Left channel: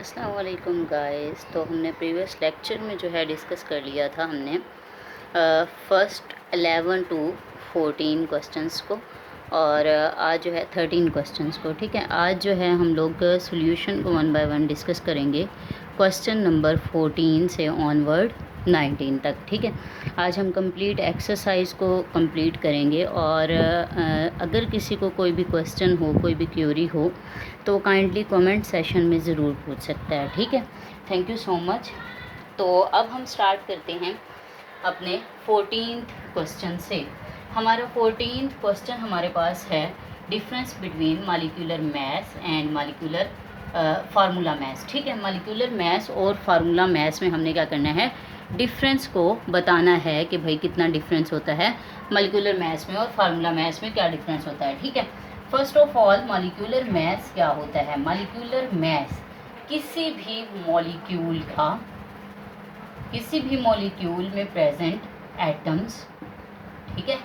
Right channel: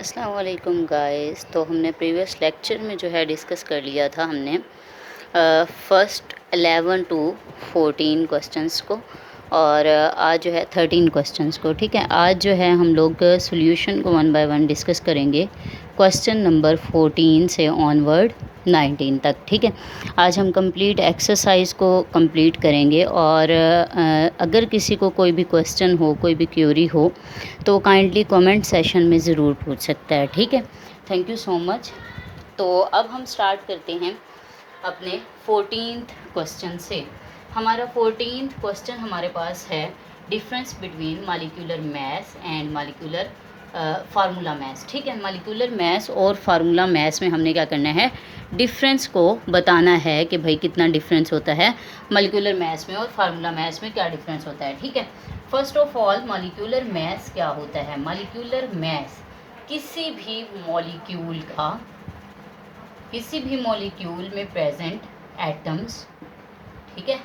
अस्सलाम वालेकुम गाइस। तो हमने प्रीवियस लेक्चर में जो है डिस्कस कर लिया था हमने फर्स्ट 11 टू 14 क्वेश्चंस को, और आज जो है 13 क्वेश्चंस को। ठीक है, आज जो है हम लोग सॉल्यूशन को वन बाय वन डिस्कस करेंगे, क्वेश्चन नंबर 14 से ऑनवर्ड 19 तक। ठीक है, आज हम कंप्लीट एक्सरसाइज को कंप्लीट करेंगे, और अगर किसी को कोई भी क्वेश्चन हो, कोई भी क्यूरी हो, तो काइंडली कमेंट सेशन में ज़रूर पूछ सकता है। ठीक है, थैंक यू सो मच। तो अब हम स्टार्ट करते हैं अपने 14th क्वेश्चन से। हमारा 14th क्वेश्चन हमारे पास है difference between molecular mass and molecular formula mass. ठीक है, मॉलिक्यूलर मास और फार्मूला मास में हमने क्या करना है, डिफरेंस को बताना है कि भाई कितना डिफरेंस होता है मॉलिक्यूलर मास में और फार्मूला मास में क्या डिफरेंस होता है। ठीक है, first of all molecular mass क्या होता है। मॉलिक्यूलर मास किसी भी मॉलिक्यूल में प्रेजेंट एटम्स, ठीक है,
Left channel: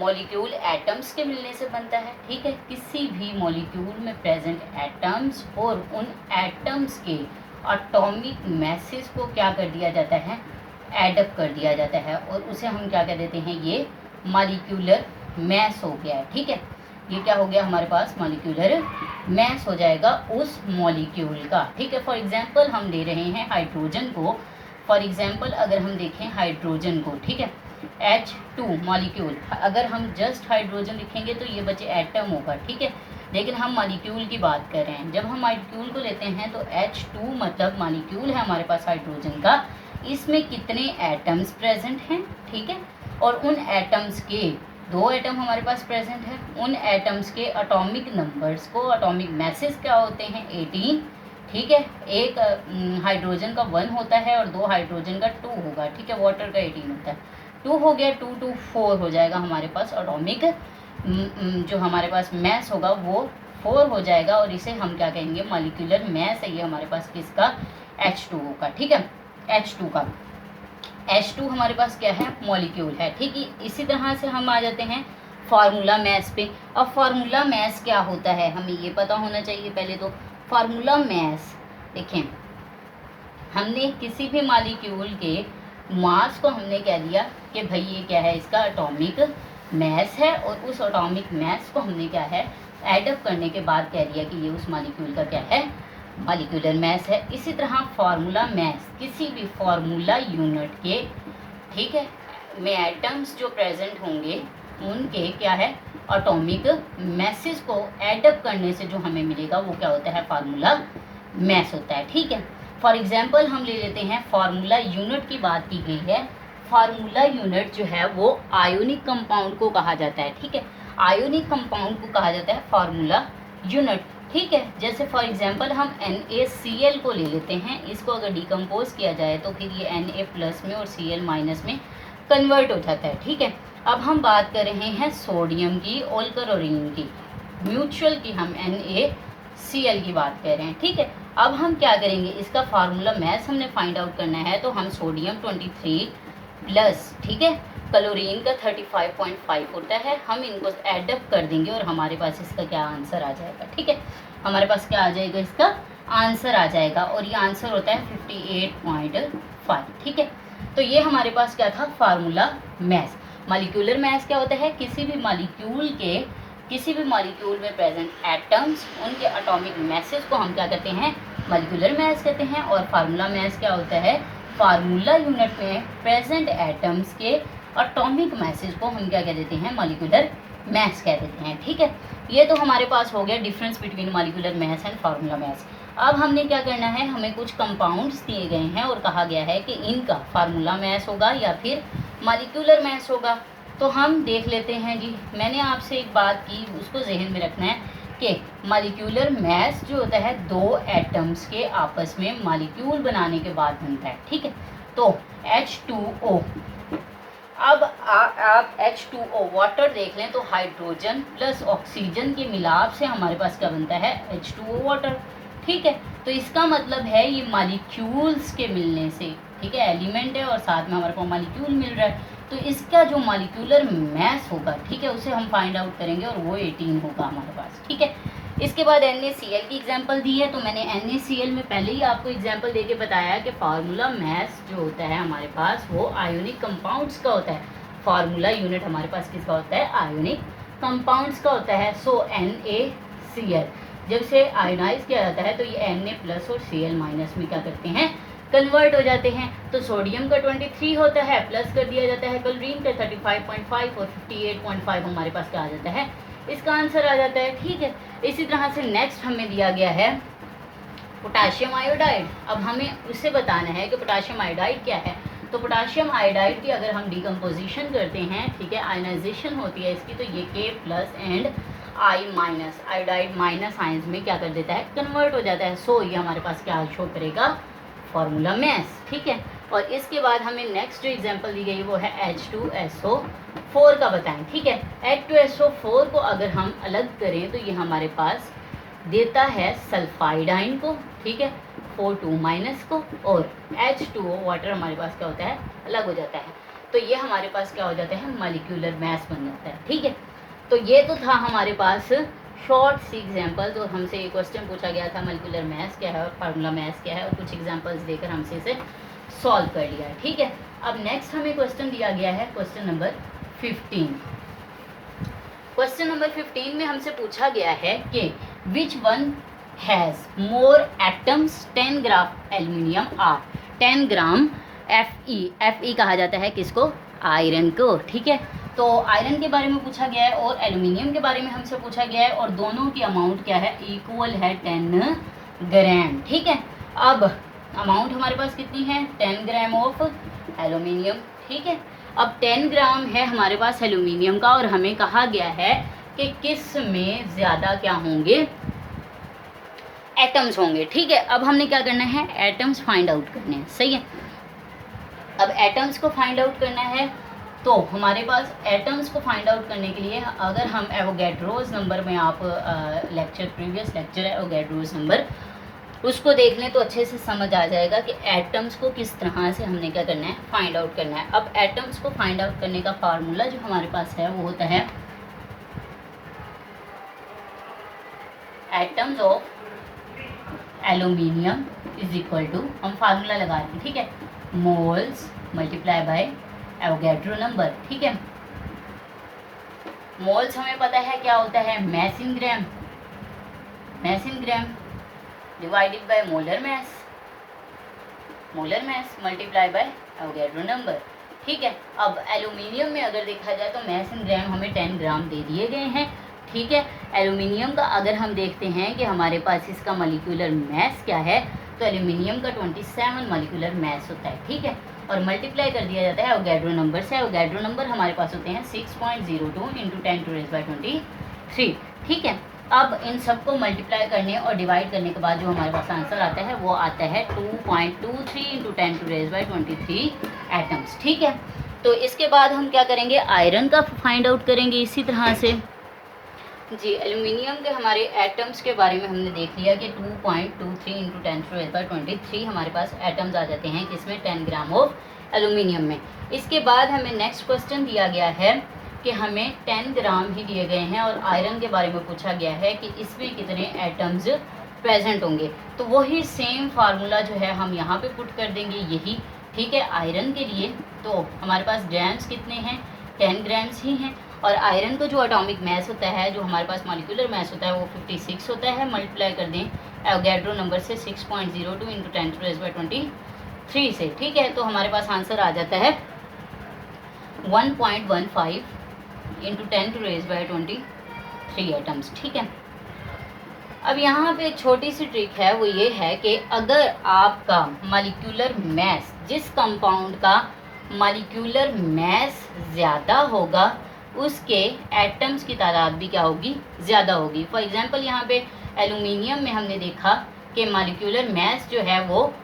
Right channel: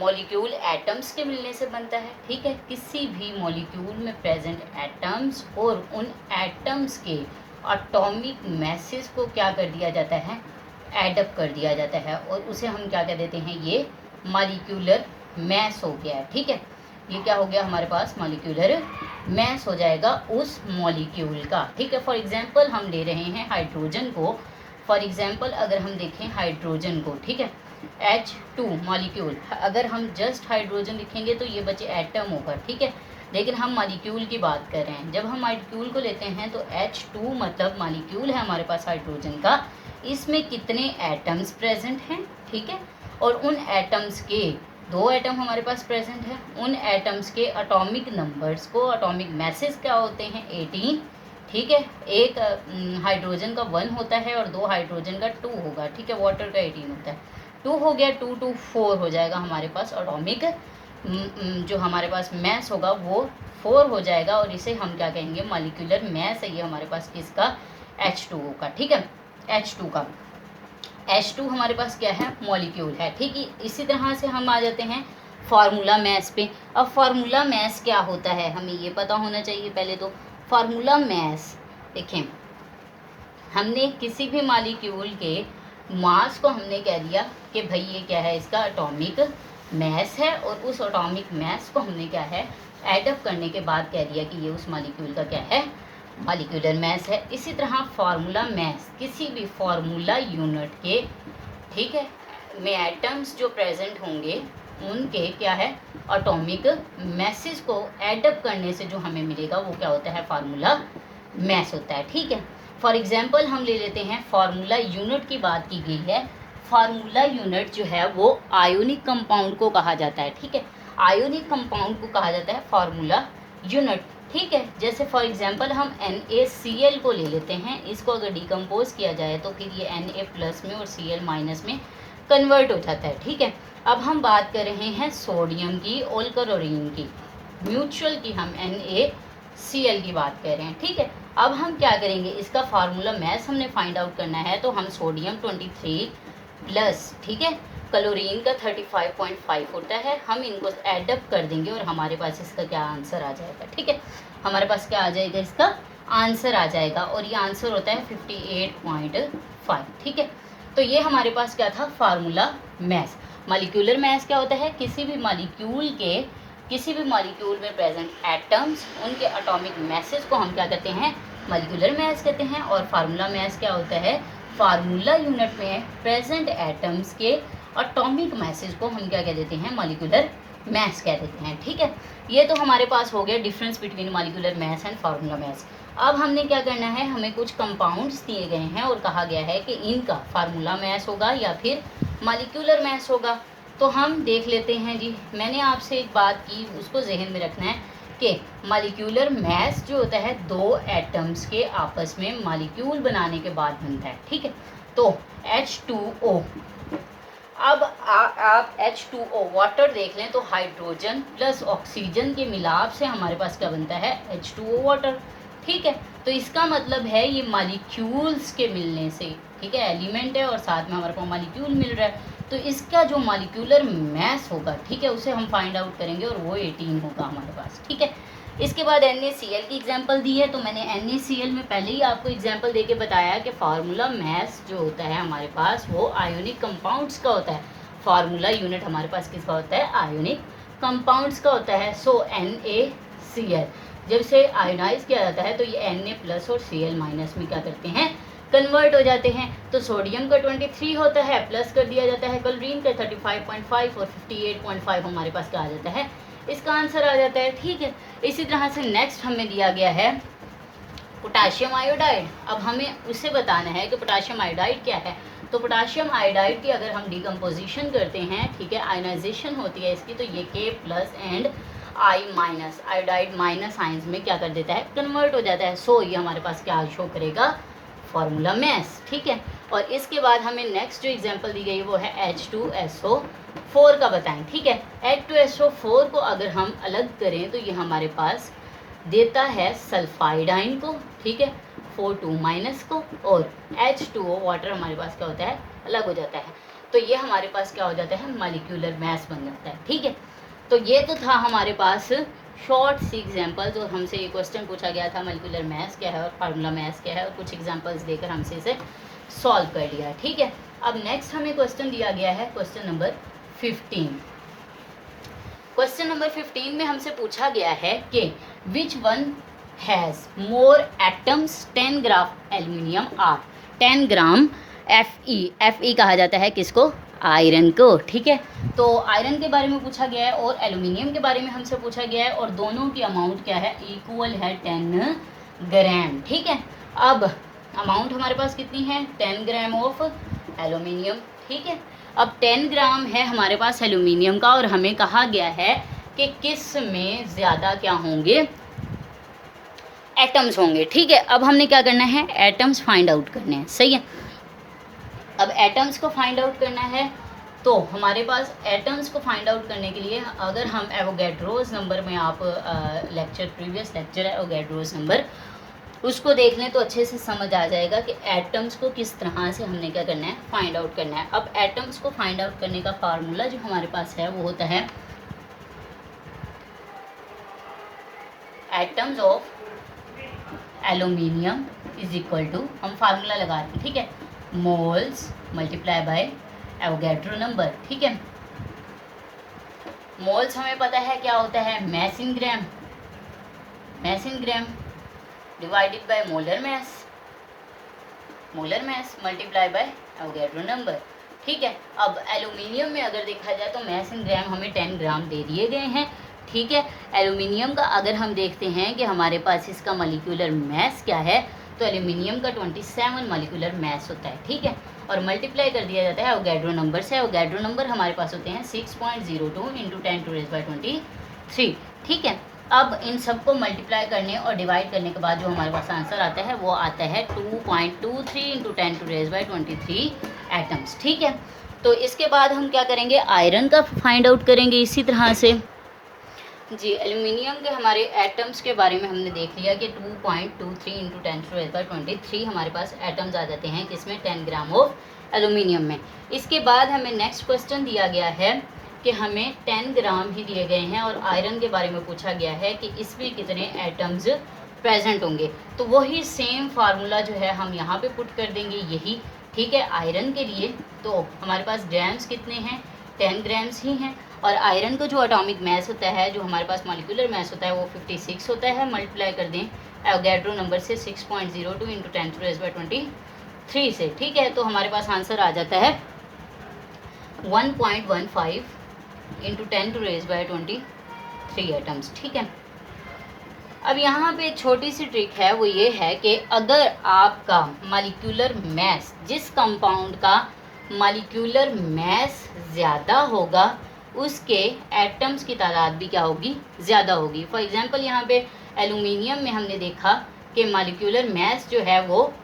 मॉलिक्यूल एटम्स के मिलने से बनता है। ठीक है, किसी भी मॉलिक्यूल में प्रेजेंट एटम्स और उन एटम्स के एटॉमिक मैसेज को क्या कर दिया जाता है, एडअप कर दिया जाता है, और उसे हम क्या कह देते हैं, ये मॉलिक्यूलर मास हो गया है। ठीक है, ये क्या हो गया हमारे पास, मॉलिक्यूलर मास हो जाएगा उस मॉलिक्यूल का। ठीक है, फॉर एग्जांपल हम ले रहे हैं हाइड्रोजन को। फॉर एग्जांपल अगर हम देखें हाइड्रोजन को, ठीक है, H2 मॉलिक्यूल, अगर हम जस्ट हाइड्रोजन लिखेंगे तो ये बचे एटम होगा। ठीक है, लेकिन हम मॉलिक्यूल की बात कर रहे हैं। जब हम मॉलिक्यूल को लेते हैं तो H2 मतलब मॉलिक्यूल है हमारे पास हाइड्रोजन का, इसमें कितने एटम्स प्रेजेंट हैं। ठीक है, और उन एटम्स के दो एटम हमारे पास प्रेजेंट है, उन एटम्स के एटॉमिक नंबर्स को, एटॉमिक मैसेज क्या होते हैं, 18। ठीक है, एक हाइड्रोजन का 1 होता है और दो हाइड्रोजन का 2 होगा। ठीक है, वाटर का 18 होता है। 2 हो गया, 2 to 4 हो जाएगा हमारे पास एटॉमिक जो हमारे पास मैस होगा वो 4 हो जाएगा, और इसे हम क्या कहेंगे, मॉलिक्यूलर मैस है ये हमारे पास किसका, H2O का। ठीक है, H2 का, H2 हमारे पास क्या है, मॉलिक्यूल है। ठीक है, इसी तरह से हम आ जाते हैं फार्मूला मैस पे। अब फार्मूला मैस क्या होता है हमें ये पता होना चाहिए पहले तो। फार्मूला मैस देखें, हमने किसी भी मॉलिक्यूल के मास को हमने कह दिया कि भाई ये क्या है, इसका एटॉमिक मैस है, और उस एटॉमिक मैस को हमने क्या है, एडअप करने के बाद कह दिया कि ये उस मॉलिक्यूल का क्या है, मॉलिक्यूलर मैस है। इसी तरह फार्मूला मैस किसी भी फार्मूला यूनिट के, ठीक है, में एटम्स जो प्रेजेंट होंगे उनके क्या है, एटॉमिक मैसेज को एडअप करने से जो हमें मिलेगा वो क्या होता है, फार्मूला मैस होता है। ठीक है, फॉर एग्जाम्पल हम ले लेते हैं फार्मूला यूनिट की बात की गई है। फार्मूला यूनिट जो है वो आयोनिक कंपाउंड को कहा जाता है। ठीक है, आयोनिक कंपाउंड को कहा जाता है फार्मूला यूनिट। ठीक है, जैसे फॉर एग्जांपल हम NaCl को ले लेते हैं, इसको अगर डिकम्पोज किया जाए तो फिर ये Na प्लस में और Cl माइनस में कन्वर्ट हो जाता है। ठीक है, अब हम बात कर रहे हैं सोडियम की और क्लोरीन की, म्यूचुअल की हम NaCl की बात कर रहे हैं। ठीक है, अब हम क्या करेंगे, इसका फार्मूला मैस हमने फाइंड आउट करना है, तो हम सोडियम 23 प्लस, ठीक है, क्लोरीन का 35.5 होता है, हम इनको एडअप कर देंगे और हमारे पास इसका क्या आंसर आ जाएगा। ठीक है, हमारे पास क्या आ जाएगा, इसका आंसर आ जाएगा, और ये आंसर होता है 58.5। ठीक है, तो ये हमारे पास क्या था, फार्मूला मैस। मॉलिक्यूलर मैस क्या होता है, किसी भी मॉलिक्यूल में प्रेजेंट एटम्स, उनके एटॉमिक मैसेज को हम क्या कहते हैं, मॉलिक्यूलर मैस कहते हैं। और फार्मूला मैस क्या होता है, फार्मूला यूनिट में प्रेजेंट एटम्स के एटॉमिक मैसेज को हम क्या कह देते हैं, मॉलिक्यूलर मैस कह देते हैं। ठीक है, ये तो हमारे पास हो गया difference between molecular mass and formula mass. अब हमने क्या करना है, हमें कुछ कंपाउंड्स दिए गए हैं और कहा गया है कि इनका फार्मूला मैस होगा या फिर मॉलिक्यूलर मैस होगा। तो हम देख लेते हैं जी, मैंने आपसे एक बात की, उसको जहन में रखना है कि मॉलिक्यूलर मैस जो होता है दो एटम्स के आपस में मॉलिक्यूल बनाने के बाद बनता है। ठीक है, तो H2O, अब आप H2O वाटर देख लें तो हाइड्रोजन प्लस ऑक्सीजन के मिलाप से हमारे पास क्या बनता है, H2O वाटर। ठीक है, तो इसका मतलब है ये मॉलिक्यूल्स के मिलने से, ठीक है, एलिमेंट है और साथ में हमारे को मॉलिक्यूल मिल रहा है, तो इसका जो मॉलिक्यूलर मैस होगा, ठीक है, उसे हम फाइंड आउट करेंगे और वो 18 होगा हमारे पास। ठीक है, इसके बाद NaCl की एग्जांपल दी है, तो मैंने NaCl में पहले ही आपको एग्जांपल देके बताया कि फार्मूला मास जो होता है हमारे पास वो आयोनिक कंपाउंड्स का होता है। फार्मूला यूनिट हमारे पास किसका होता है? आयोनिक कंपाउंड्स का होता है। सो NaCl जब से आयोनाइज किया जाता है तो ये Na प्लस और Cl माइनस में क्या करते हैं? कन्वर्ट हो जाते हैं। तो सोडियम का 23 होता है, प्लस कर दिया जाता है क्लोरीन का 35.5 और 58.5 हमारे पास क्या आ जाता है? इसका आंसर आ जाता है। ठीक है, इसी तरह से नेक्स्ट हमें दिया गया है पोटाशियम आयोडाइड। अब हमें उससे बताना है कि पोटाशियम आयोडाइड क्या है। तो पोटाशियम आयोडाइड की अगर हम डिकम्पोजिशन करते हैं, ठीक है, आयनाइजेशन होती है इसकी, तो ये K plus and I minus iodide minus ions में क्या कर देता है? कन्वर्ट हो जाता है। सो ये हमारे पास क्या शो करेगा? Formula mass. ठीक है, और इसके बाद हमें नेक्स्ट जो एग्जांपल दी गई वो है H2SO4 का बताएं। ठीक है, H2SO4 को अगर हम अलग करें तो ये हमारे पास देता है सल्फाइड आयन को, ठीक है, 4 माइनस को, और H2O वाटर हमारे पास क्या होता है? अलग हो जाता है। तो ये हमारे पास क्या हो जाता है? मॉलिक्यूलर मास बन जाता है। ठीक है, तो ये तो था हमारे पास शॉर्ट सी एग्जांपल। तो हमसे ये क्वेश्चन पूछा गया था मॉलिक्यूलर मास क्या है और फार्मूला मास क्या है, और कुछ एग्जांपल्स देकर हमसे इसे सॉल्व कर लिया है। ठीक है, अब नेक्स्ट हमें क्वेश्चन दिया गया है क्वेश्चन नंबर 15। क्वेश्चन नंबर 15 में हमसे पूछा गया है कि which one has more atoms 10 gram aluminium or 10 gram Fe कहा जाता है किसको? आयरन को। ठीक है, तो आयरन के बारे में पूछा गया है और एल्यूमिनियम के बारे में हमसे पूछा गया है, और दोनों की अमाउंट क्या है? इक्वल है 10 ग्राम। ठीक है, अब अमाउंट हमारे पास कितनी है? 10 ग्राम ऑफ एल्यूमिनियम। ठीक है, अब 10 ग्राम है हमारे पास एल्यूमिनियम का, और हमें कहा गया है कि किस में ज़्यादा क्या होंगे? एटम्स होंगे। ठीक है, अब हमने क्या करना है? एटम्स फाइंड आउट करने हैं। सही है, अब एटम्स को फाइंड आउट करना है, तो हमारे पास एटम्स को फाइंड आउट करने के लिए अगर हम एवोगैड्रोस नंबर में, आप प्रीवियस लेक्चर है एवोगैड्रोस नंबर, उसको देख लें तो अच्छे से समझ आ जाएगा कि एटम्स को किस तरह से हमने क्या करना है? फाइंड आउट करना है। अब एटम्स को फाइंड आउट करने का फार्मूला जो हमारे पास है वो होता है atoms of aluminium is equal to, हम फार्मूला लगा रहे हैं, ठीक है, moles multiply by Avogadro number. ठीक है, मोल्स हमें पता है क्या होता है? Mass in gram, mass in gram divided by molar mass, molar mass multiply by Avogadro number. ठीक है, अब एल्यूमिनियम में अगर देखा जाए तो मास इन ग्राम हमें 10 ग्राम दे दिए गए हैं। ठीक है, एल्यूमिनियम का अगर हम देखते हैं कि हमारे पास इसका मॉलिक्यूलर मास क्या है, तो एल्यूमिनियम का 27 मॉलिक्यूलर मास होता है। ठीक है, और मल्टीप्लाई कर दिया जाता है एवोगैड्रो नंबर से। एवोगैड्रो नंबर हमारे पास होते हैं 6.02 इंटू 10⁻23। ठीक है, अब इन सबको मल्टीप्लाई करने और डिवाइड करने के बाद जो हमारे पास आंसर आता है वो आता है 2.23 इंटू 10⁻23 एटम्स। ठीक है, तो इसके बाद हम क्या करेंगे? आयरन का फाइंड आउट करेंगे इसी तरह से। जी, एल्यूमिनियम के हमारे एटम्स के बारे में हमने देख लिया कि 2.23 इंटू 10⁻23 हमारे पास एटम्स आ जाते हैं किसमें? 10 ग्राम ऑफ एल्यूमिनियम में। इसके बाद हमें नेक्स्ट क्वेश्चन दिया गया है कि हमें 10 ग्राम ही दिए गए हैं और आयरन के बारे में पूछा गया है कि इसमें कितने एटम्स प्रेजेंट होंगे। तो वही सेम फार्मूला जो है हम यहाँ पे पुट कर देंगे यही। ठीक है, आयरन के लिए तो हमारे पास ग्राम्स कितने हैं? 10 ग्राम्स ही हैं, और आयरन का जो एटॉमिक मास होता है, जो हमारे पास मॉलिक्यूलर मास होता है वो 56 होता है। मल्टीप्लाई कर दें एवोगैड्रो नंबर से 6.02 इंटू 10⁻23 से। ठीक है, तो हमारे पास आंसर आ जाता है 1.15 इंटू 10⁻23 एटम्स। ठीक है, अब यहाँ पे एक छोटी सी ट्रिक है, वो ये है कि अगर आपका मॉलिक्यूलर मास, जिस कंपाउंड का मॉलिक्यूलर मास ज़्यादा होगा उसके एटम्स की तादाद भी क्या होगी? ज़्यादा होगी। फॉर एग्जांपल यहाँ पे एल्यूमिनियम में हमने देखा कि मॉलिक्यूलर मास जो है वो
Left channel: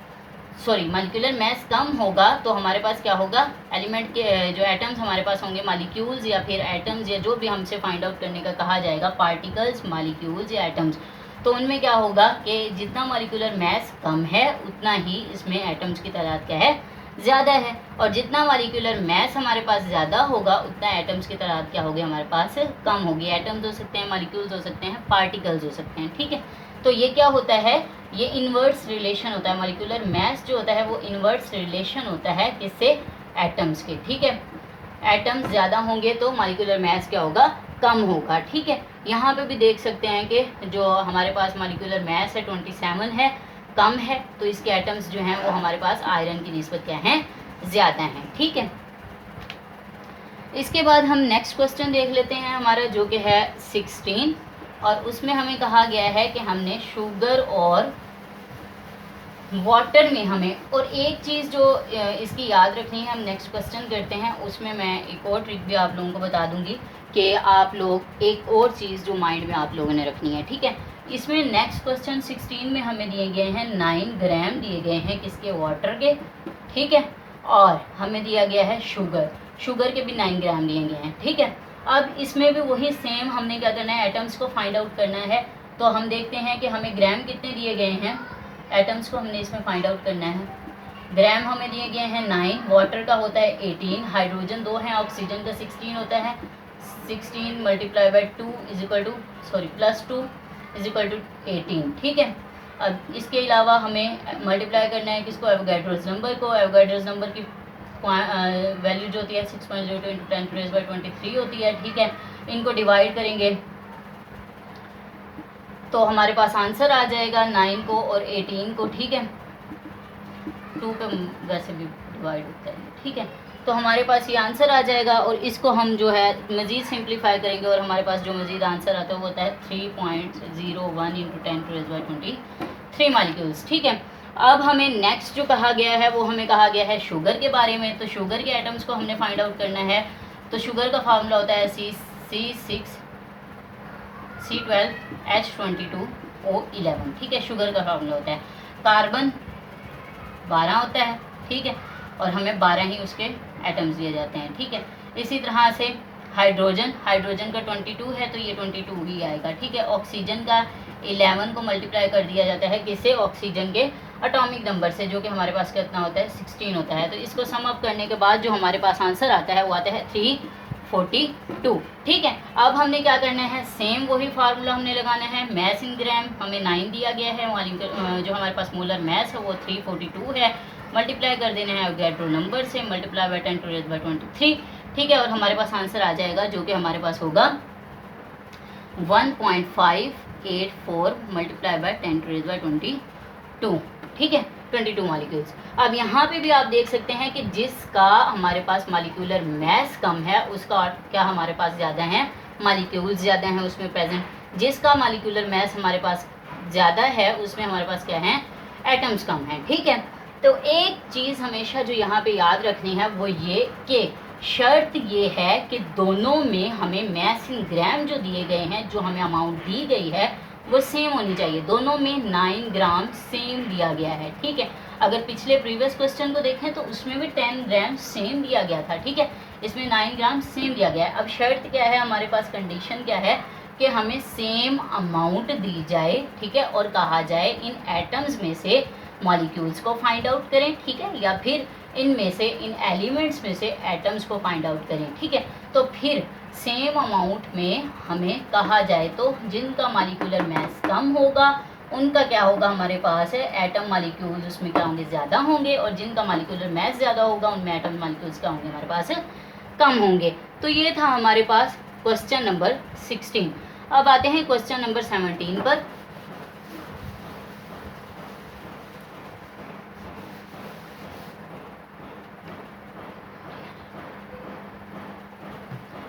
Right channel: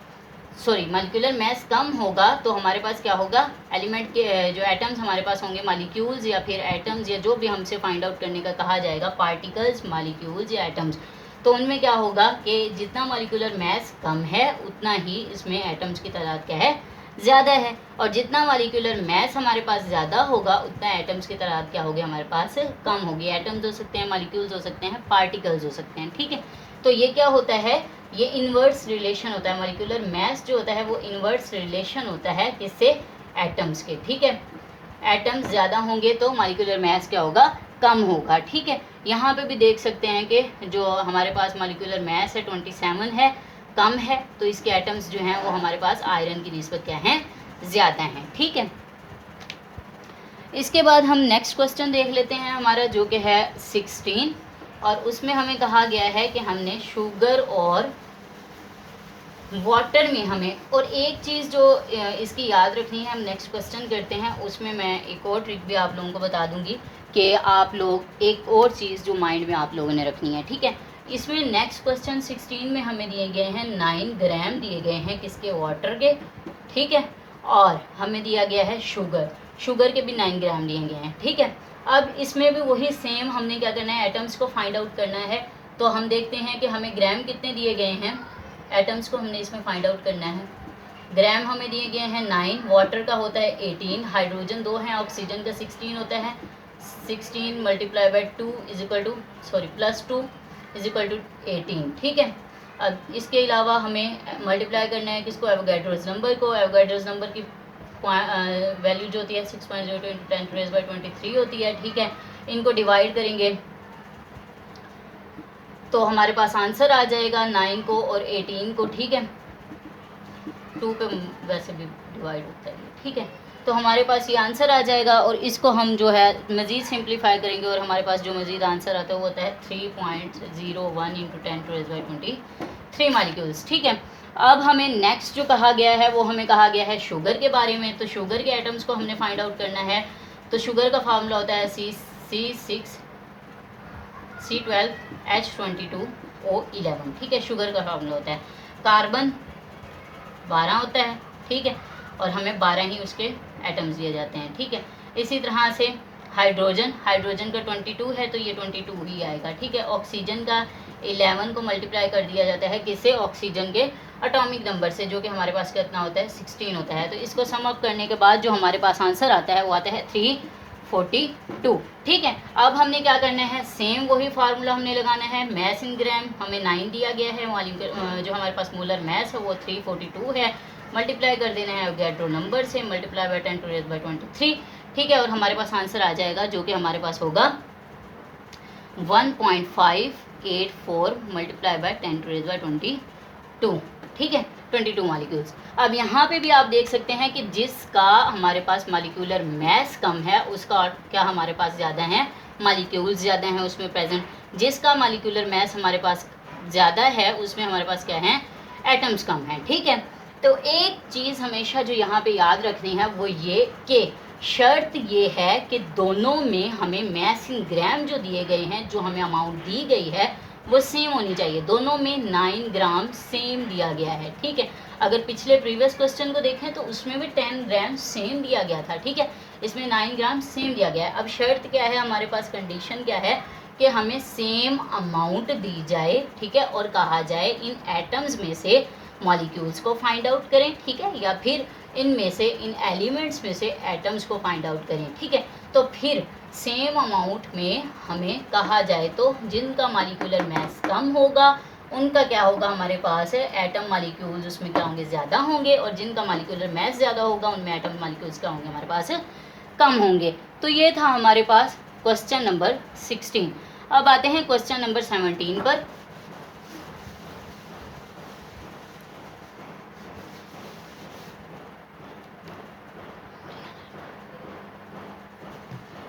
मॉलिक्यूलर मास कम होगा, तो हमारे पास क्या होगा? एलिमेंट के जो एटम्स हमारे पास होंगे, मॉलिक्यूल्स या फिर एटम्स या जो भी हमसे फाइंड आउट करने का कहा जाएगा, पार्टिकल्स, मॉलिक्यूल्स या एटम्स, तो उनमें क्या होगा कि जितना मॉलिक्यूलर मास कम है उतना ही इसमें एटम्स की तादाद क्या है? ज़्यादा है, और जितना मॉलिक्यूलर मास हमारे पास ज़्यादा होगा उतना एटम्स की तादाद क्या होगी हमारे पास कम होगी। एटम्स हो सकते हैं, मॉलिक्यूल्स हो सकते हैं, पार्टिकल्स हो सकते हैं, ठीक है। तो ये क्या होता है, ये इन्वर्स रिलेशन होता है, मॉलिक्यूलर मास जो होता है वो इन्वर्स रिलेशन होता है किससे, एटम्स के, ठीक है। एटम्स ज़्यादा होंगे तो मॉलिक्यूलर मास क्या होगा, कम होगा, ठीक है। यहाँ पे भी देख सकते हैं कि जो हमारे पास मॉलिक्यूलर मास है 27 है, कम है, तो इसके एटम्स जो हैं वो हमारे पास आयरन की निस्बत क्या हैं, ज़्यादा हैं, ठीक है। इसके बाद हम नेक्स्ट क्वेश्चन देख लेते हैं हमारा, जो कि है 16, और उसमें हमें कहा गया है कि हमने शुगर और वाटर में हमें, और एक चीज़ जो इसकी याद रखनी है, हम नेक्स्ट क्वेश्चन करते हैं उसमें मैं एक और ट्रिक भी आप लोगों को बता दूंगी कि आप लोग एक और चीज़ जो माइंड में आप लोगों ने रखनी है, ठीक है। इसमें नेक्स्ट क्वेश्चन 16 में हमें दिए गए हैं 9 ग्राम दिए गए हैं किसके, वाटर के, ठीक है, और हमें दिया गया है शुगर के भी 9 ग्राम दिए गए हैं, ठीक है। अब इसमें भी वही सेम हमने क्या करना है, एटम्स को फाइंड आउट करना है। तो हम देखते हैं कि हमें ग्राम कितने दिए गए हैं, एटम्स को हमने इसमें फाइंड आउट करना है। ग्राम हमें दिए गए हैं 9, वाटर का होता है 18, हाइड्रोजन 2 है, ऑक्सीजन का 16 होता है, 16 multiply by 2 is equal to plus 2 is equal to 18, ठीक है। अब इसके अलावा हमें मल्टीप्लाई करना है किसको, एवोगैड्रोस नंबर को। एवोगैड्रोस नंबर की वैल्यू जो होती है 6.02 इंटू 10⁻23 होती है, ठीक है। इनको डिवाइड करेंगे तो हमारे पास आंसर आ जाएगा 9 को और 18 को, ठीक है। 2 पे वैसे भी डिवाइड होता है, ठीक है। तो हमारे पास ये आंसर आ जाएगा, और इसको हम जो है मज़ीद सिंप्लीफाई करेंगे, और हमारे पास जो मज़ीद आंसर आता है वो होता है 3.01 इंटू 10⁻23 मालिक्यूल्स, ठीक है। अब हमें नेक्स्ट जो कहा गया है वो हमें कहा गया है शुगर के बारे में। तो शुगर के एटम्स को हमने फाइंड आउट करना है। तो शुगर का फार्मूला होता है C6H22O11, ठीक है, शुगर का फार्मूला होता है। कार्बन 12 होता है, ठीक है, और हमें 12 ही उसके एटम्स दिए जाते हैं, ठीक है। इसी तरह से हाइड्रोजन का 22 है तो ये 22 ही आएगा, ठीक है। ऑक्सीजन का 11 को मल्टीप्लाई कर दिया जाता है किससे, ऑक्सीजन के एटॉमिक नंबर से, जो कि हमारे पास कितना होता है 16 होता है। तो इसको सम अप करने के बाद जो हमारे पास आंसर आता है वो आता है 342, ठीक है। अब हमने क्या करना है, सेम वही फार्मूला हमने लगाना है। मैस इन ग्राम हमें 9 दिया गया है, जो हमारे पास मोलर मैस है वो 342 है, मल्टीप्लाई कर देना है एवोगैड्रो नंबर से, मल्टीप्लाई बाई 10⁻23, ठीक है, और हमारे पास आंसर आ जाएगा जो कि हमारे पास होगा 1.584 मल्टीप्लाई बाई 10⁻22, ठीक है, 22 मालिक्यूल्स। अब यहाँ पे भी आप देख सकते हैं कि जिसका हमारे पास मालिक्यूलर मैस कम है उसका क्या हमारे पास ज़्यादा है, मालिक्यूल्स ज़्यादा हैं उसमें प्रेजेंट। जिसका मालिक्यूलर मैस हमारे पास ज़्यादा है उसमें हमारे पास क्या है, एटम्स कम हैं, ठीक है। तो एक चीज़ हमेशा जो यहाँ पे याद रखनी है वो ये कि शर्त ये है कि दोनों में हमें मैस इन ग्राम जो दिए गए हैं, जो हमें अमाउंट दी गई है वो सेम होनी चाहिए। दोनों में 9 ग्राम सेम दिया गया है, ठीक है। अगर पिछले प्रीवियस क्वेश्चन को देखें तो उसमें भी 10 ग्राम सेम दिया गया था, ठीक है। इसमें 9 ग्राम सेम दिया गया है। अब शर्त क्या है हमारे पास, कंडीशन क्या है कि हमें सेम अमाउंट दी जाए, ठीक है, और कहा जाए इन एटम्स में से मॉलिक्यूल्स को फाइंड आउट करें, ठीक है, या फिर इनमें से इन एलिमेंट्स में से एटम्स को फाइंड आउट करें, ठीक है। तो फिर सेम अमाउंट में हमें कहा जाए तो जिनका मॉलिक्यूलर मास कम होगा उनका क्या होगा हमारे पास है, एटम मॉलिक्यूल्स उसमें क्या होंगे, ज़्यादा होंगे, और जिनका मॉलिक्यूलर मास ज़्यादा होगा उनमें एटम मॉलिक्यूल्स क्या होंगे हमारे पास कम होंगे। तो ये था हमारे पास क्वेश्चन नंबर 16। अब आते हैं क्वेश्चन नंबर 17 पर।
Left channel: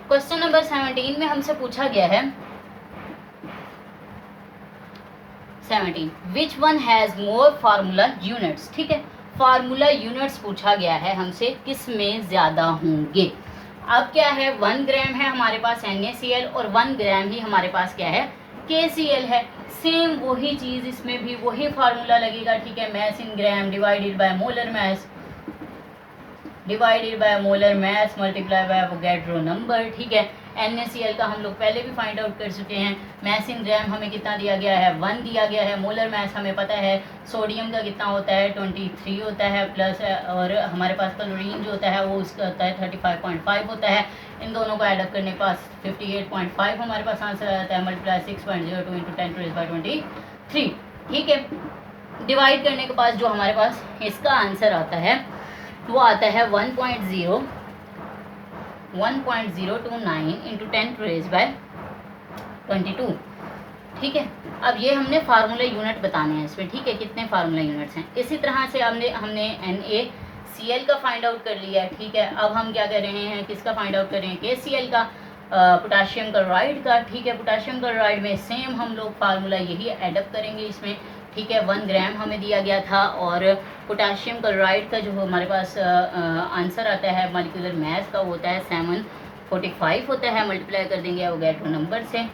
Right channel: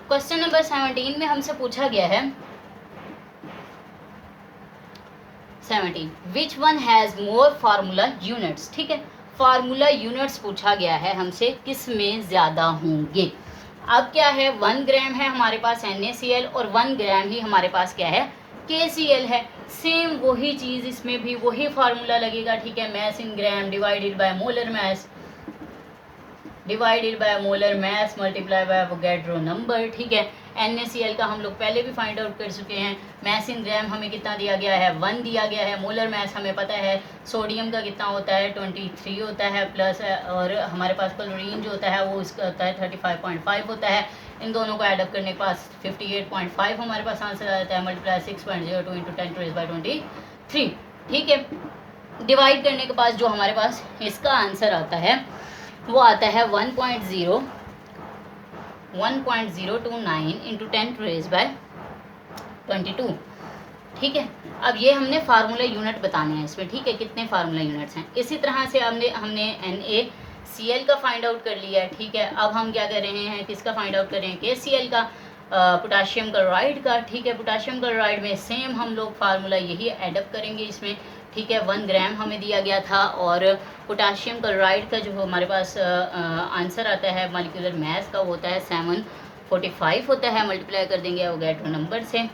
क्वेश्चन नंबर 17 में हमसे पूछा गया है 17 विच one has more formula units, ठीक है। फार्मूला यूनिट्स पूछा गया है हमसे, किस में ज़्यादा होंगे। अब क्या है, 1 ग्राम है हमारे पास NaCl और 1 ग्राम ही हमारे पास क्या है, KCl है। सेम वही चीज़ इसमें भी वही फार्मूला लगेगा, ठीक है। Mass in gram divided by molar mass, divided by molar mass multiply by Avogadro number, ठीक है। NaCl का हम लोग पहले भी फाइंड आउट कर चुके हैं। मास इन ग्राम हमें कितना दिया गया है, 1 दिया गया है। मोलर मास हमें पता है सोडियम का कितना होता है, 23 होता है प्लस, और हमारे पास क्लोरीन जो होता है वो उसका होता है 35.5 होता है। इन दोनों को ऐडअप करने के पास 58.5 हमारे पास आंसर आता है, मल्टीप्लाई 6.02 इंटू 10⁻23, ठीक है। डिवाइड करने के पास जो हमारे पास इसका आंसर आता है वो आता है 1.029 इंटू 10⁻22, ठीक है। अब ये हमने फार्मूला यूनिट बताने हैं इसमें, ठीक है, कितने फार्मूला यूनिट्स हैं। इसी तरह से हमने NaCl का फाइंड आउट कर लिया है, ठीक है। अब हम क्या कर रहे हैं, किसका फाइंड आउट कर रहे हैं, KCl का, पोटाशियम क्लोराइड का, ठीक है। पोटाशियम क्लोराइड में सेम हम लोग फार्मूला यही एडअप करेंगे इसमें, ठीक है। 1 ग्राम हमें दिया गया था, और पोटाशियम क्लोराइड का जो हमारे पास आंसर आता है मॉलिक्यूलर मास का होता है 745 होता है, मल्टीप्लाई कर देंगे अवोगाड्रो नंबर से,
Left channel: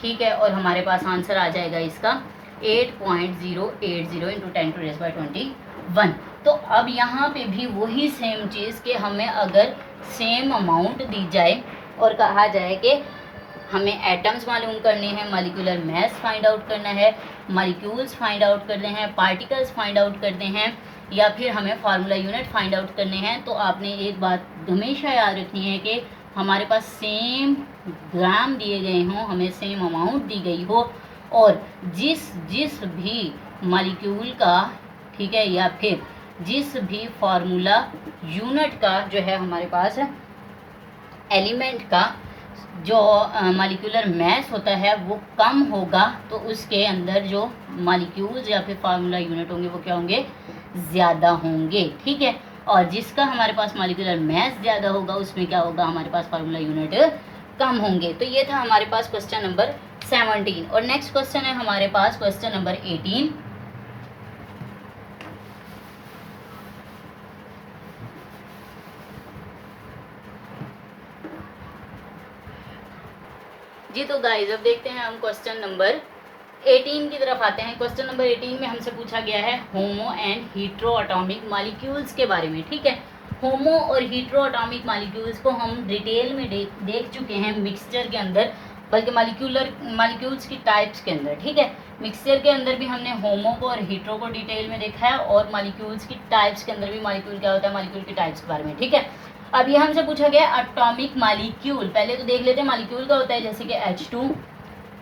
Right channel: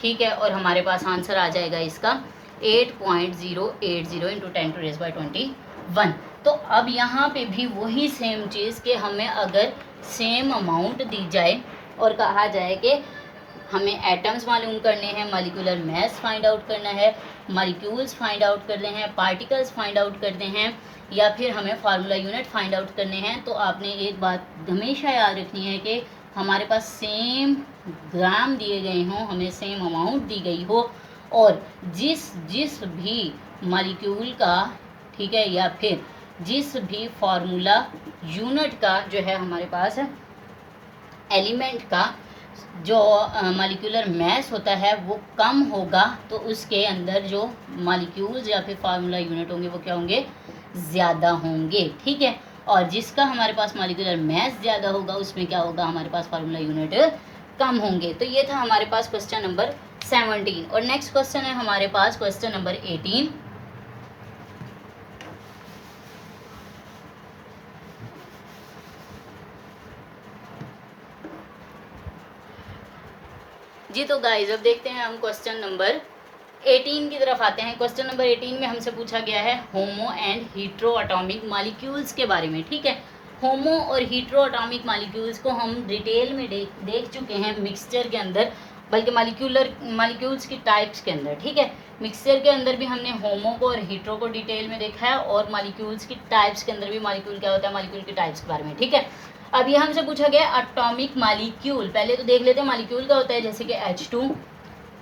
ठीक है। और हमारे पास आंसर आ जाएगा इसका 8.080 इंटू 10⁻21। तो अब यहाँ पे भी वही सेम चीज़ कि हमें अगर सेम अमाउंट दी जाए और कहा जाए कि हमें एटम्स मालूम करने हैं, मॉलिक्यूलर मास फाइंड आउट करना है, मॉलिक्यूल्स फाइंड आउट करने हैं, पार्टिकल्स फाइंड आउट करने हैं, या फिर हमें फार्मूला यूनिट फाइंड आउट करने हैं, तो आपने एक बात हमेशा याद रखनी है कि हमारे पास सेम ग्राम दिए गए हों, हमें सेम अमाउंट दी गई हो, और जिस भी मॉलिक्यूल का, ठीक है, या फिर जिस भी फार्मूला यूनिट का जो है हमारे पास एलिमेंट का जो मॉलिक्यूलर मास होता है वो कम होगा, तो उसके अंदर जो मॉलिक्यूल्स या फिर फार्मूला यूनिट होंगे वो क्या होंगे, ज़्यादा होंगे, ठीक है। और जिसका हमारे पास मॉलिक्यूलर मास ज़्यादा होगा उसमें क्या होगा, हमारे पास फार्मूला यूनिट कम होंगे। तो ये था हमारे पास क्वेश्चन नंबर 17। और नेक्स्ट क्वेश्चन है हमारे पास क्वेश्चन नंबर 18। जी तो गाइस अब देखते हैं हम क्वेश्चन नंबर 18 की तरफ आते हैं। क्वेश्चन नंबर 18 में हमसे पूछा गया है होमो एंड हीट्रो एटॉमिक मॉलिक्यूल्स के बारे में, ठीक है। होमो और हीट्रो एटॉमिक मॉलिक्यूल्स को हम डिटेल में देख चुके हैं मिक्सचर के अंदर, बल्कि मॉलिक्यूल्स की टाइप्स के अंदर, ठीक है। मिक्सचर के अंदर भी हमने होमो को और हीट्रो को डिटेल में देखा है, और मॉलिक्यूल्स की टाइप्स के अंदर भी मॉलिक्यूल क्या होता है, मॉलिक्यूल की टाइप्स के बारे में, ठीक है। अब ये हमसे पूछा गया एटॉमिक मॉलिक्यूल। पहले तो देख लेते हैं मॉलिक्यूल का होता है जैसे कि H2,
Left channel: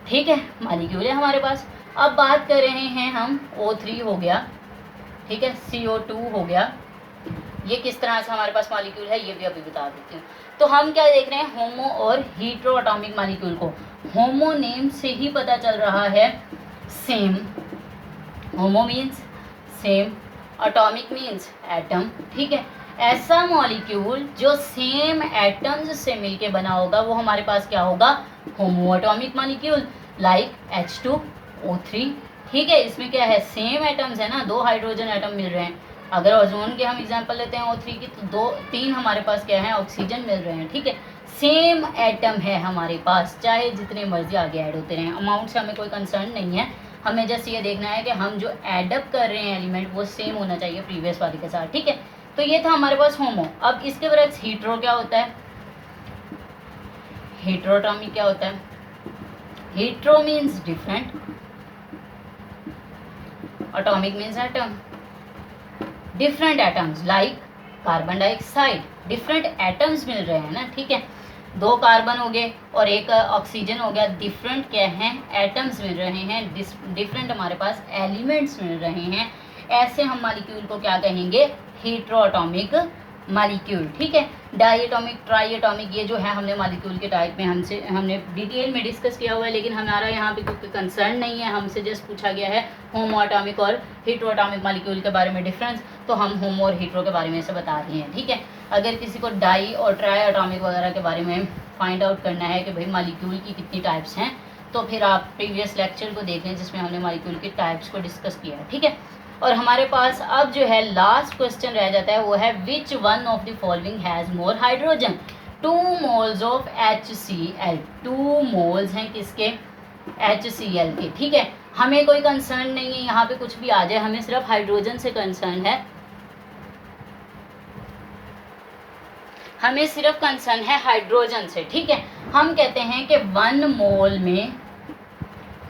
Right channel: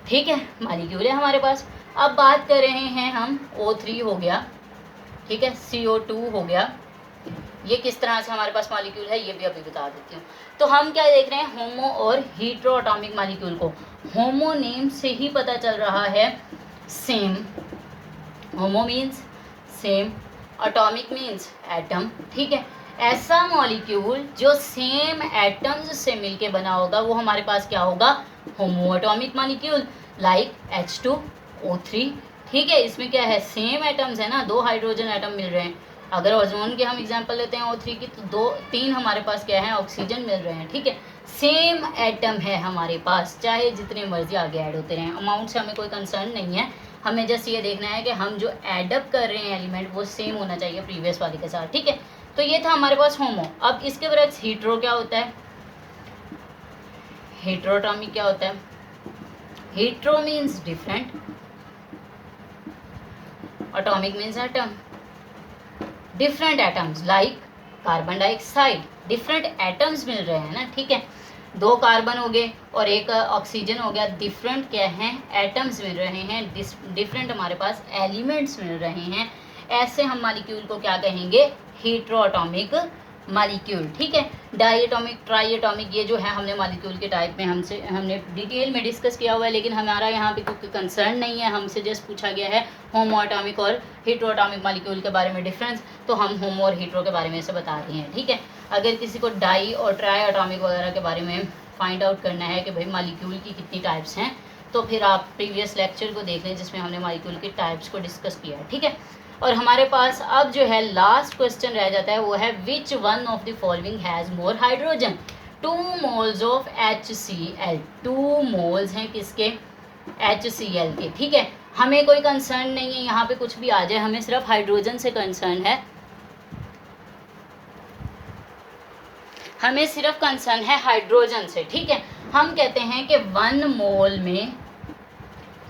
ठीक है, मॉलिक्यूल है हमारे पास। अब बात कर रहे हैं हम O3 हो गया, ठीक है, CO2 हो गया, ये किस तरह से हमारे पास मॉलिक्यूल है ये भी अभी बता देती हूँ। तो हम क्या देख रहे हैं, होमो और हीट्रो एटॉमिक मॉलिक्यूल को। होमो नेम से ही पता चल रहा है सेम, होमो means same, atomic means atom, ठीक है। ऐसा मॉलिक्यूल जो सेम एटम्स से मिलके बना होगा वो हमारे पास क्या होगा, होमो एटॉमिक मॉलिक्यूल, लाइक H2O3, ठीक है। इसमें क्या है, सेम एटम्स है ना, 2 हाइड्रोजन एटम मिल रहे हैं। अगर ओजोन के हम एग्जांपल लेते हैं O3 की, तो 3 हमारे पास क्या है, ऑक्सीजन मिल रहे हैं, ठीक है। सेम एटम है हमारे पास, चाहे जितने मर्जी आगे ऐड होते रहें, अमाउंट से हमें कोई कंसर्न नहीं है। हमें जस्ट ये देखना है कि हम जो एडअप कर रहे हैं एलिमेंट वो सेम होना चाहिए प्रीवियस वाले के साथ, ठीक है। तो ये था हमारे पास होमो। अब इसके बरक्स हीट्रो क्या होता है, हीट्रोएटॉमिक क्या होता है, hetero means different, atomic means atom, different atoms like carbon dioxide, different atoms मिल रहे हैं ना, ठीक है। 2 कार्बन हो गए और 1 ऑक्सीजन हो गया, डिफरेंट क्या हैं, एटम्स मिल रहे हैं, डिफरेंट हमारे पास एलिमेंट्स मिल रहे हैं। ऐसे हम मॉलिक्यूल को क्या कहेंगे, हीट्रोएटॉमिक मॉलिक्यूल, ठीक है। डाईएटॉमिक, ट्राईएटॉमिक, ये जो है हमने मॉलिक्यूल के टाइप में हमने डिटेल में डिस्कस किया हुआ है, लेकिन हमारा यहाँ पे कोई कंसर्न नहीं है। हमसे जस्ट पूछा गया है होमोएटॉमिक और हीट्रोएटॉमिक मॉलिक्यूल के बारे में डिफरेंस, तो हम होमो और हीट्रो के बारे में से बता रहे हैं, ठीक है। अगर किसी को डाई और ट्राईएटॉमिक वगैरह के बारे में फाइंड आउट करना है कि भाई मॉलिक्यूल की कितनी टाइप्स हैं, तो फिर आप प्रीवियस लेक्चर को देख लें जिसमें हमने मॉलिक्यूल के टाइप्स को डिस्कस किया है, ठीक है। और हमारे पास अब जो है लास्ट क्वेश्चन रह जाता है, वो है which one of the following has more hydrogen, 2 moles of HCl, 2 moles हैं किसके, HCl के, ठीक है। हमें कोई कंसर्न नहीं है यहाँ पे कुछ भी आ जाए, हमें सिर्फ हाइड्रोजन से कंसर्न है। हमें सिर्फ कंसर्न है हाइड्रोजन से, ठीक है। हम कहते हैं कि 1 मोल में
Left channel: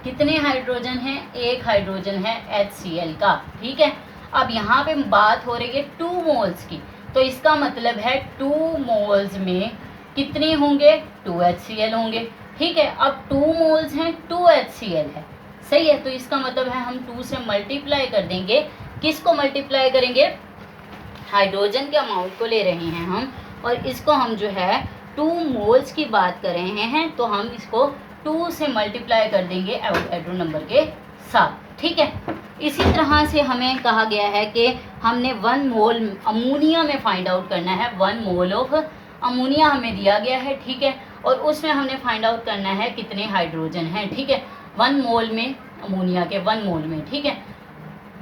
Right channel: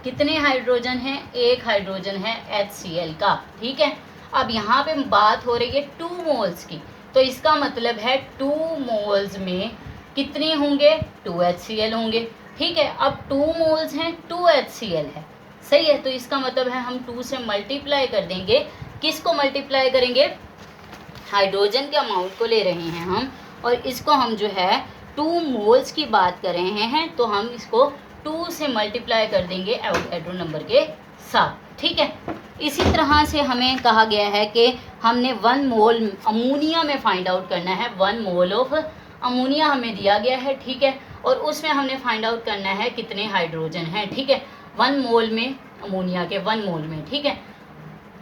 कितने हाइड्रोजन हैं, एक हाइड्रोजन है HCl का, ठीक है। अब यहाँ पे बात हो रही है 2 मोल्स की, तो इसका मतलब है 2 मोल्स में कितने होंगे, 2 HCl होंगे, ठीक है। अब 2 मोल्स हैं, 2 HCl है, सही है। तो इसका मतलब है हम 2 से मल्टीप्लाई कर देंगे, किसको मल्टीप्लाई करेंगे, हाइड्रोजन के अमाउंट को ले रहे हैं हम, और इसको हम जो है 2 मोल्स की बात कर रहे हैं, तो हम इसको 2 से मल्टीप्लाई कर देंगे एवोगैड्रो नंबर के साथ, ठीक है। इसी तरह से हमें कहा गया है कि हमने 1 मोल अमोनिया में फाइंड आउट करना है, 1 मोल ऑफ अमोनिया हमें दिया गया है, ठीक है। और उसमें हमने फाइंड आउट करना है कितने हाइड्रोजन हैं, ठीक है। 1 मोल में अमोनिया के 1 मोल में, ठीक है।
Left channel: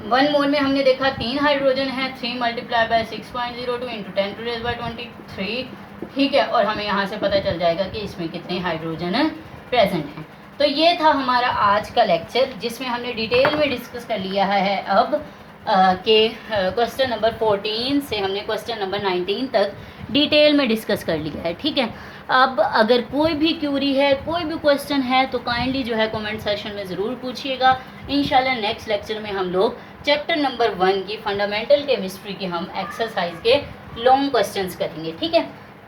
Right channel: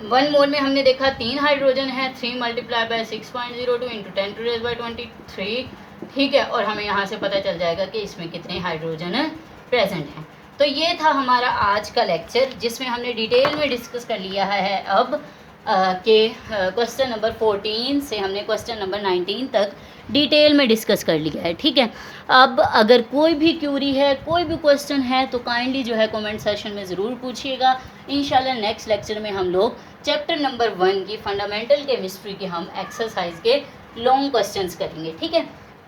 1 मोल में हमने देखा 3 हाइड्रोजन है, 3 मल्टीप्लाई बाय 6.02 इंटू 10⁻23, ठीक है। और हमें यहाँ से पता चल जाएगा कि इसमें कितने हाइड्रोजन प्रेजेंट हैं। तो ये था हमारा आज का लेक्चर, जिसमें हमने डिटेल में डिस्कस कर लिया है अब के क्वेश्चन नंबर 14 से हमने क्वेश्चन नंबर 19 तक डिटेल में डिस्कस कर लिया है, ठीक है। अब अगर कोई भी क्यूरी है, कोई भी क्वेश्चन है, तो काइंडली जो है कमेंट सेक्शन में ज़रूर पूछिएगा। इंशाल्लाह नेक्स्ट लेक्चर में हम लोग चैप्टर नंबर 1 की फंडामेंटल केमिस्ट्री के हम एक्सरसाइज के लॉन्ग क्वेश्चंस करेंगे, ठीक है।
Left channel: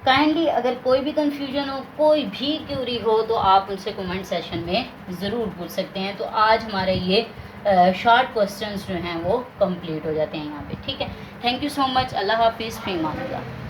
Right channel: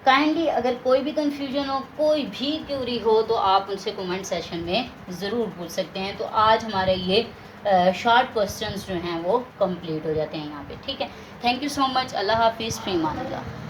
काइंडली अगर कोई भी कंफ्यूजन हो, कोई भी क्यूरी हो, तो आप उनसे कमेंट सेशन में ज़रूर पूछ सकते हैं। तो आज हमारे ये शॉर्ट क्वेश्चंस जो हैं वो कंप्लीट हो जाते हैं यहाँ पे, ठीक है। Thank you so much. अल्लाह हाफिज़, फ़ी अमान अल्लाह।